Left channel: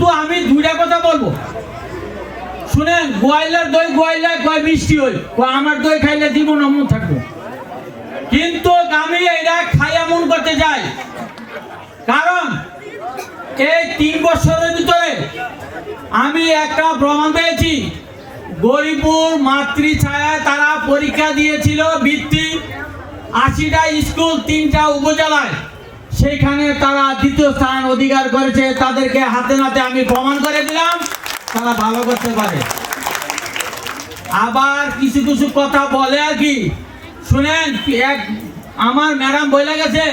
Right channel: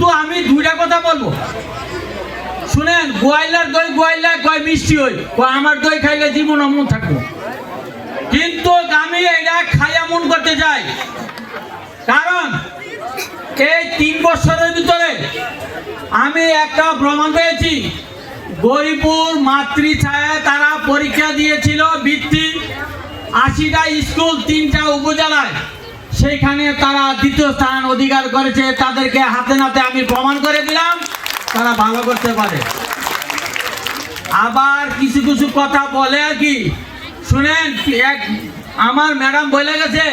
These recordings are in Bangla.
শুধু আমি দুইটা কথা বলবো, শুনেন। গোয়াইলার দই গোয়াইলা কয় মিষ্টি হই, আমার দই খাইলে জীবন অমন থাকবো। কিন্তু আমি এটা খাইয়া মন করতে যাই, কারণ এই 3 বছরের ভিতরে আমি একটা প্রমাণ পেয়েছি। গরিপুর মাতৃছায়ায় তারা পরীক্ষা দিয়েছিল বৃত্তি, 80টা স্কুল 3টা উপজেলায়, সেইখানে তারা 2য় স্থান অধিকার করেছে। তাদেরকে হাতে নাতে আমি প্রমাণ করে দিলাম তারা ভালো করতে পারে। আবার কিছু কিছু কথা বলে আর কি, শুনেন। আমার ম্যাডাম বলে গেছে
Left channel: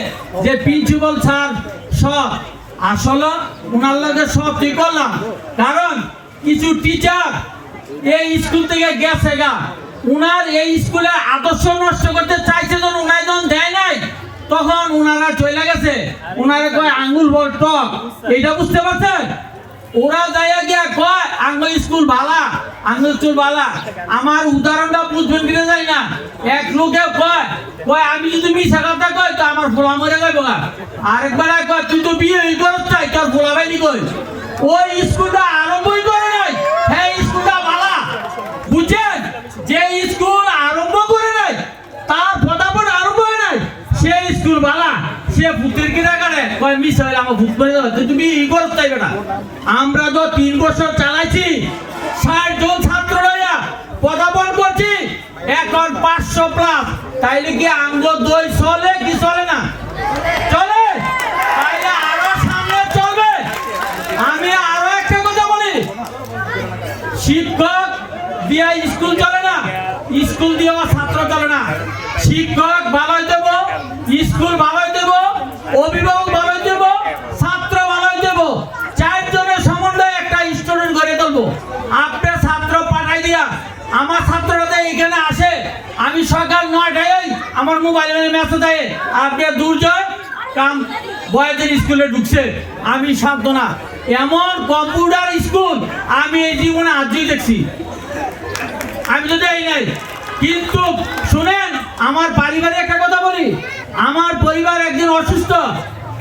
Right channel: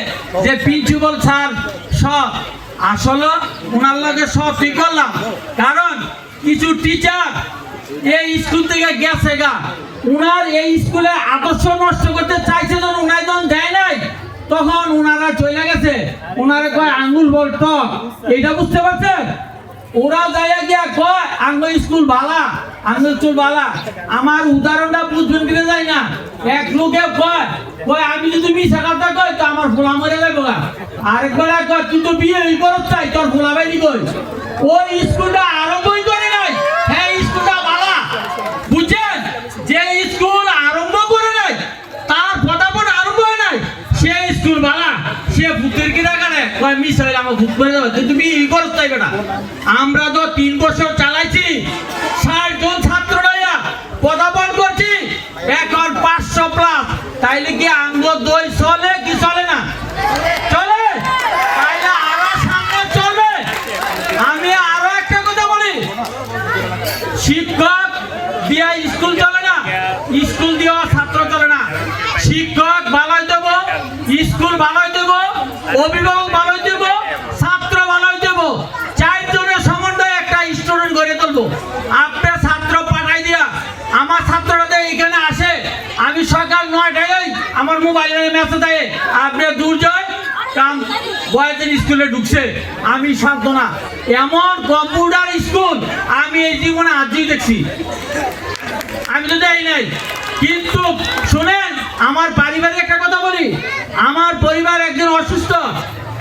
যে প্রিন্সিপাল স্যার সব, আসলে ওনার লগে সব ঠিক করলাম, কারণ কিছু টিচার এই স্কুল থেকে গেছে গা, উনার এই স্কুলে আদর্শ নষ্ট করতে চাইছে, যখন উনার যখন দেয় নাই তখন উনারা চলে গেছে। উনারা কয় আঙ্গুল বল টক, এইটা বুঝতে পারছেন? ওরা যাইয়া গিয়া কয় আঙ্গুল স্কুল ভালা, আঙ্গুল স্কুল ভালা। আমার উদাহরণটা বুঝবেন কিনে যায় না। এক লোকে কয় আমি যদি মিশা কথা কয় তো আমার ফোলা মরে যাইব গা। আরেকবার কয় তুই তো বিয়ে করত চাই, তোর ফোলা বাইনি কই। ওই স্কুলটা আরম্ভই করে নাই, হ্যাঁ স্কুলটা ভালা। বুঝছেন? যে স্কুল আরম্ভ করে নাই, তার ফটাফট আরম্ভ হয় নাই, সে স্কুল ভালা। সে ভূতের কিনা কানে কয় মিস হইলে আমার ভূত করে দেবে, তুমি ই করতে চাইবে না। আমরা তো 3 বছর চালাইছি, 60 জন ছাত্র রইয়া পদার্পণ করছি, এখন 500+। তাইলে কি আঙ্গ দই চলে কি চলে না? চলে। তাইলে আরো সামনে চলবে। আমি আরো একটা কথা বলি, শিক্ষক দিয়া স্কুল চলে না, স্কুল দিয়া ছাত্র চলে না। শিক্ষক ভালোই দেব, স্কুল ভালোই দেব, অভিভাবক ভালোই দেব, ছাত্র ভালোই দেব। 4 জনের সমন্বয়ে একটা স্টুডেন্ট গড়ে তুলবো। আপনার ছাত্র পাঠাই দিয়া আমার ছাত্ররা এখানে আসে, আমি সকাল 9টায় আমার মোবাইলে মেসেজ দেয় আপনি দুর্জয় কাম বয়েজের স্কুলে ঢুকছে। আমি সান্ত্বনা, এমন কম্পিউটার স্কুল আমি এই জীবনে আজই দেখছি, আমি তো যাই নাই। কিন্তু শুনেন, আমার পরিবারে একটা কথা বলি, আমার পরিবার একজন অসুস্থ,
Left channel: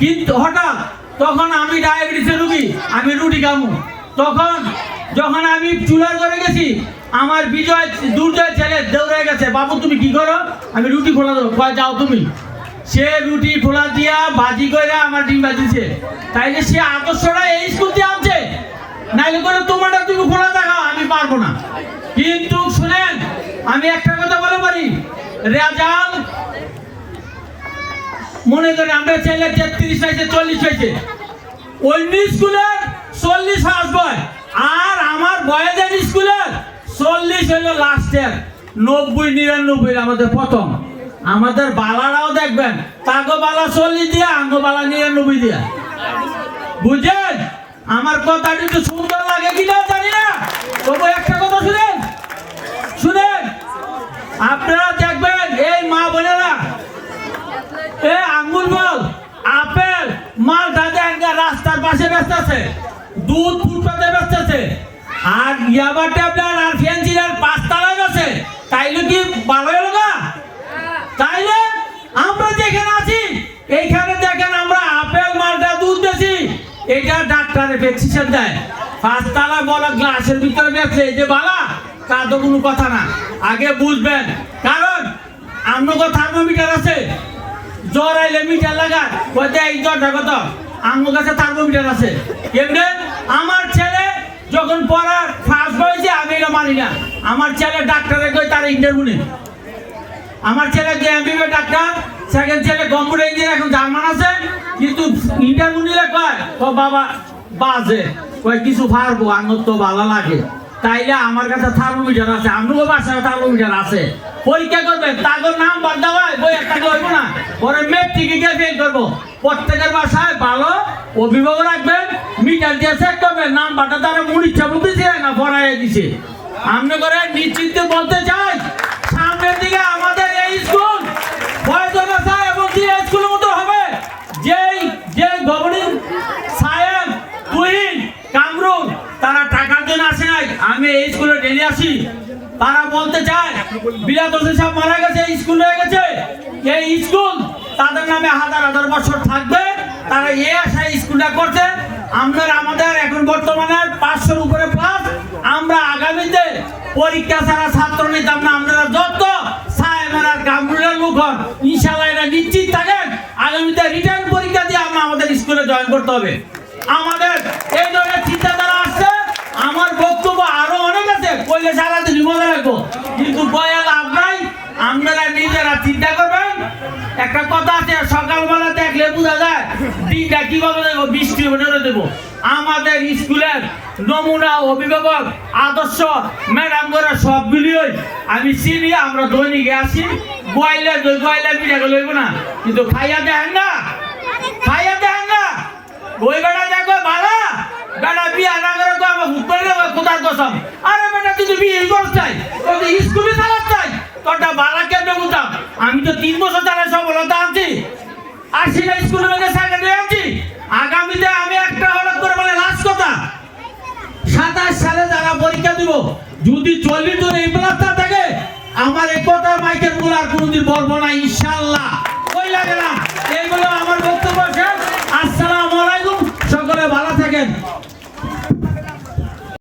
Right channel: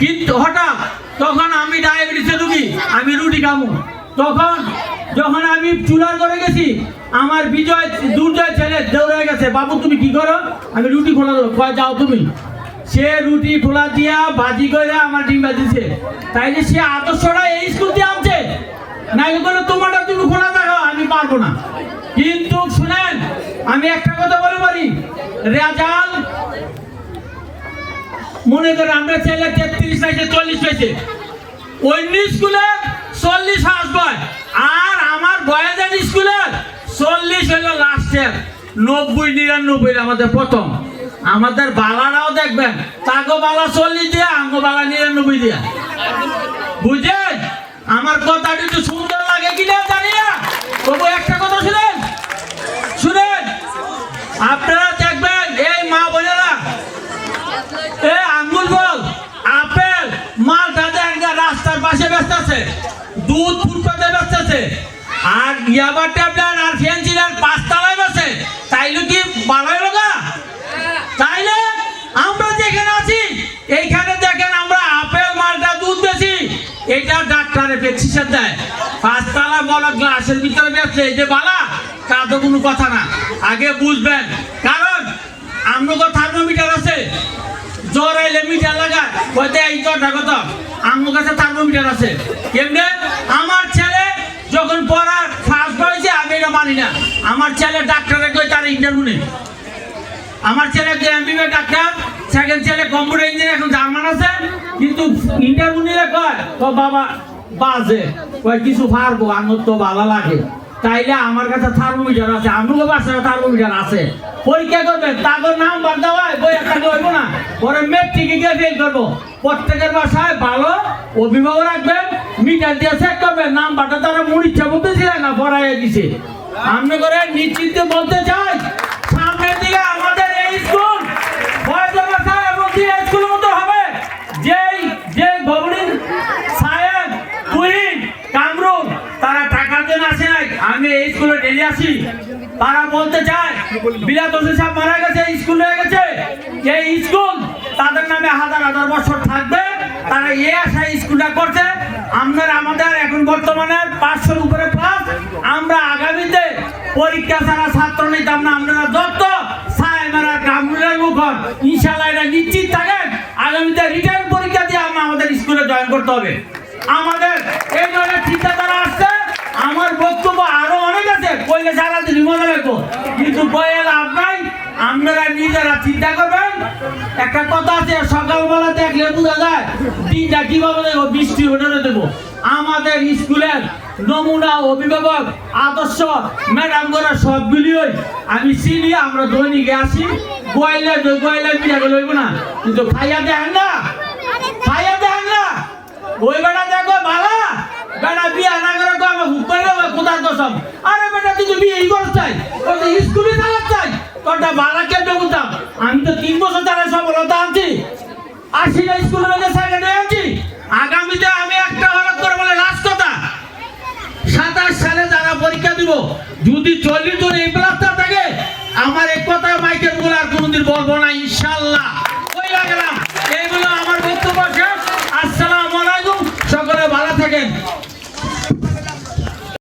কিন্তু হঠাৎ তখন আমি ডায়াবেটিসের রুগী, আমি রুটি খামু। তখন যখন আমি চুলার ঘরে গেছি, আমার দুর্জয় ছেলে দৌড়ে গেছে, বাবু তুমি কি করো? আমি রুটি খোলা দেবো, কয় যাও তুমি। সে রুটি খোলা দিয়া ভাজি করে আমার ডিম বাজিছে। তাইলে সে আদর্শটা এই স্কুল দিয়ে আনছে, নাইলে বলে তোমারটা তুমি খোলা দেখাও, আমি পারবো না। কিন্তু শুনেন, আমি একটা কথা বলে পারি, রেজাল্ট মনে করে আমরা ছেলে 33 হয়েছে 40 হয়েছে, অন্য স্কুলের 40 আসবে, আর আমার বয়েজের স্কুলের 40 হইল লাস্টের, 90-99 আমাদের প্রথম। আমাদের বালারাও দেখবেন, তাগো বালা 40 দিয়া, আঙ্গো বালা 99 দিয়া। বুঝেন? আমার কথাটি তো সুন্দর লাগে কিনা জানি না, তবু একটা কথা শুনেন, আপনারা দেখবেন এই মা বোনেরা এই আঙ্গুল বল, আপেল, মালটা দেখেন রাস্তার পাশে ব্যস্ত আছে, দুধ ফুটপাতে ব্যস্ত আছে, আর ইয়াবার ট্যাবলেট আর ফ্যান্সির 5 তলায় বসে। তাইলে কি ভালো হলো না? তাইলে আমরা যেখানে আছি এইখানে দেখেন আমরা আপেল, মালটা, দুধ বেশি, এটা ডাক্তারে প্রেসক্রিপশন দেয়। 5 তলা বলা গ্লাসের ভিতরে ব্যস্ত, এই যে বালা, তা তো কোনো কথা না। আগে বুঝবেন, কারণ আমগো থার্মোমিটার আছে, জ্বর আইলে মিটার লাগায়, কয়তে এই জ্বরটা কত, আমগো কাছে থার্মোমিটার আছে। কেমনে? আমার ছেলে যখন পড়ার ফার্স্ট হয়েছে, আমি এটা মানি না। আমার ছেলে ডাক্তারে কই তার ইন্টারভিউ নেই। আমার ছেলে এমবিবিএস ডাক্তার, সেকেন্ড ছেলে কম্পিউটার ইঞ্জিনিয়ার, এখন জার্মান আছে, কিন্তু ইন্টারভিউ নিলে কয় তো বাবা বাজে, কয় কিছু পারবো, আমার তো ভালো লাগে। তাইলে আমার কাছে থার্মোমিটার আছে, আমগো বাসায় থার্মোমিটার আছে। পরীক্ষা করবেন, তাদের নাম বাদ দেওয়া বই একটা করবো না, পরে মেট্রিকে গিয়ে ফেল করবো। প্রত্যেকের বাসায় ভালো অভিভাবক রাখবেন, মিটার দিয়ে চেক করবেন, নাম বাটা তারা মন ইচ্ছা বলতেছে না ভরাই দিছে। আমি করে নিশ্চিত বলতে চাই, সামনের দিকে আমাদের এই স্কুল বয়জন আছে এবং স্কুলের মতো হবে। যে ভবনের সায়েন্স, তুহিন, কামরুল, তারা টাকার জন্য আসে নাই, আমি এই স্কুলে ডেলি আসি। তারা বলতে চায় বিলাত হোসেন সাহেব মারা গেছে, স্কুল হয়ে গেছে, এই স্কুল তাদের নামে 1000 বছর থাকবে। তারা এই আশায় স্কুলটা করছে। আমাদের এখন বর্তমানে 500-র উপরে পাস। আমরা আগামীতে পরীক্ষা ছাড়া ছাত্র নিতাম না। আপনারা যত সাহেবেরা কামরুলের লোক হন, ইনশাআল্লাহ এটা নিশ্চিত থাকেন আগামীতে রিটার্ন পরীক্ষা দিয়ে আমরা আমাদের স্কুলে জয়েন করতে হবে। আমাদের এই ধরনের চিন্তাধারা আসছে। আমার বক্তব্য আরো অনেক আছে, কইলে সারাদিন মজা লাগবো, কিন্তু বলে লাভ নাই। আপনারা নিজেরা চিন্তা করবেন। একটা কথা আছে, সকালবেলা দেখলে বোঝা যায় দিনটা কিভাবে দেবো, বৃষ্টি হয়ে দেবো। আমাদের স্কুলের নমুনা অভিভাবক আদর্শ ম্যাডাম করে সবগুলিই আমি চিনি। আমরা দৈনিকে আসি, গোয়াইলে পিঠা করে লইব না, কিন্তু খাইয়া দেখেন না, ওই বেড়া দেখো বালা বেড়া বিয়া না করে তো আমার হুকুম কোথার কসম। আরে বেটা তুই তো বিয়ে করতে চাই, ওই যে স্কুলে চালাতে চাই, তোরটা বালা কেন বুঝতাম। আমি তো 3 বছর ধরে সফলতা আনছি, আসি না স্কুলের মধ্যে সেকেন্ডারি আনছি। আগামীতে আমি একটা হঠাৎ করে বলে লাস্ট কথা, 27 সালে যারা পরীক্ষা দিব, যদি 40 জন এই প্লাসটা থাকে, আমার এক কথা মাইকের বলার কোনদিন বলবো না।